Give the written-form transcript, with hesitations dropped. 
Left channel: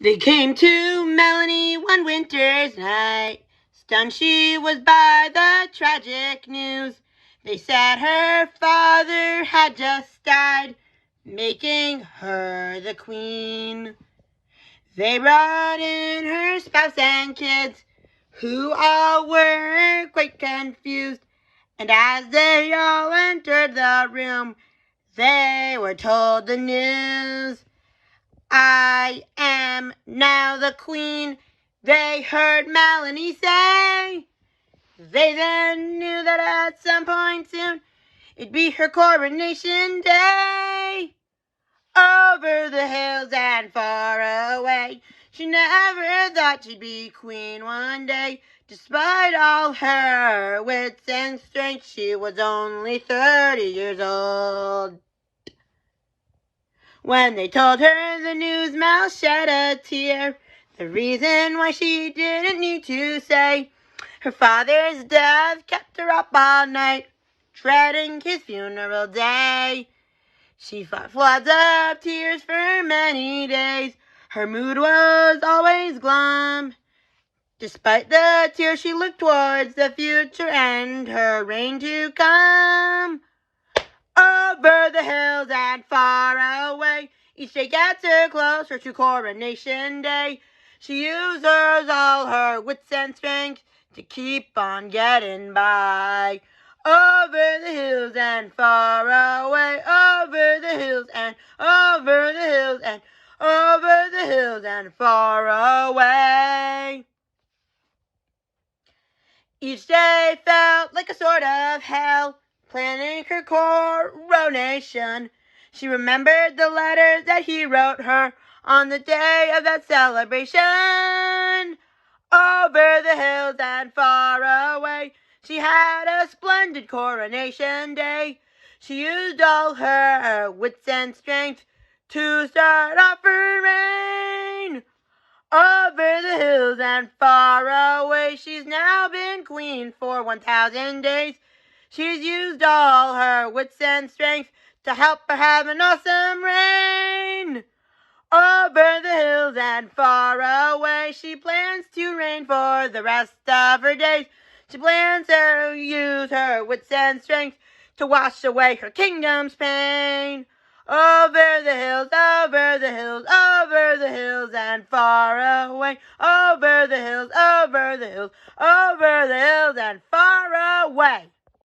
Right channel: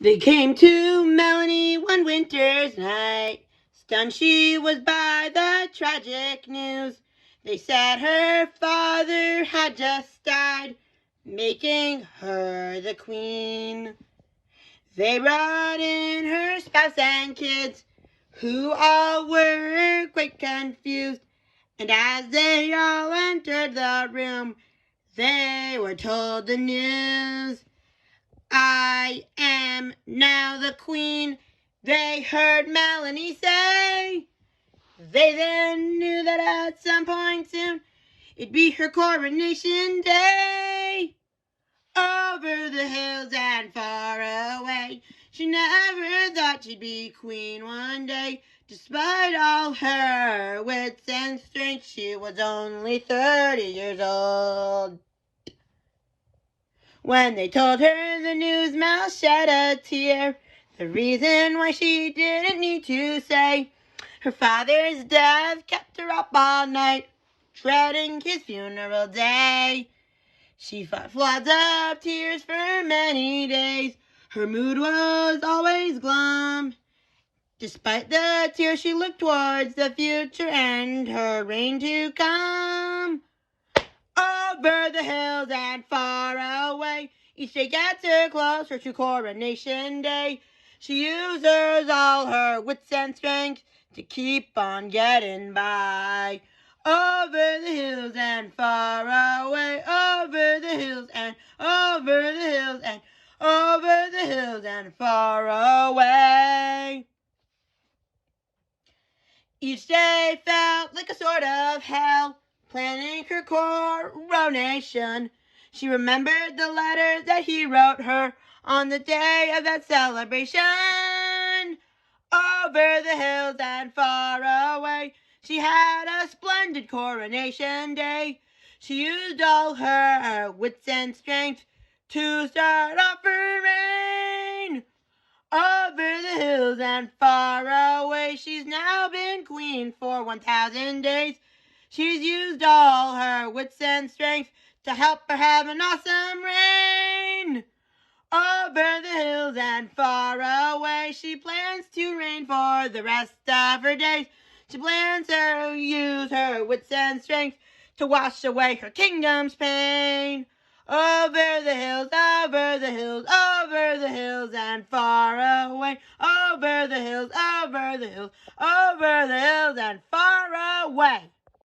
They came to Melanie one winter's night. Stunned she was by the tragic news. They said her father had just died, making her the queen. They brought in her spouse and kids, who all were quite confused. And as they all entered the room, they were told the news. I am now the queen, they heard Melanie say. They then knew that at some point soon it'd be her coronation day. Over the hills and far away, she never thought she'd be queen one day. Despite all her wits and strength, she was only 30 years old. When they told her the news, Mel shed a tear. The reason why she didn't need to say. Her father's death kept her up all night, dreading his funeral day. She fought floods of tears for many days. Her mood was always glum. Despite the tears, she looked towards the future and her reign to come. Over the hills and far away, each day gets her closer to coronation day. She uses all her wits and strength to keep on getting by. Over the hills and far away, over the hills and over the hills and over the hills and far away. Each day felt like a sort of hell, planning her coronation. She remembered the letters that he wrote her on the day of that celebration. Over the hills and far away, she had a splendid coronation day. She used all her wits and strength to start off her reign. Over the hills and far away, she's now been queen for 1,000 days. She's used all her wits and strength to help her have an awesome reign. Over the hills and far away, she plans to reign for the rest of her days. She plans to use her wits and strength to wash away her kingdom's pain. Over the hills, over the hills, over the hills and far away. Over the hills, over the hills, over the hills and far away.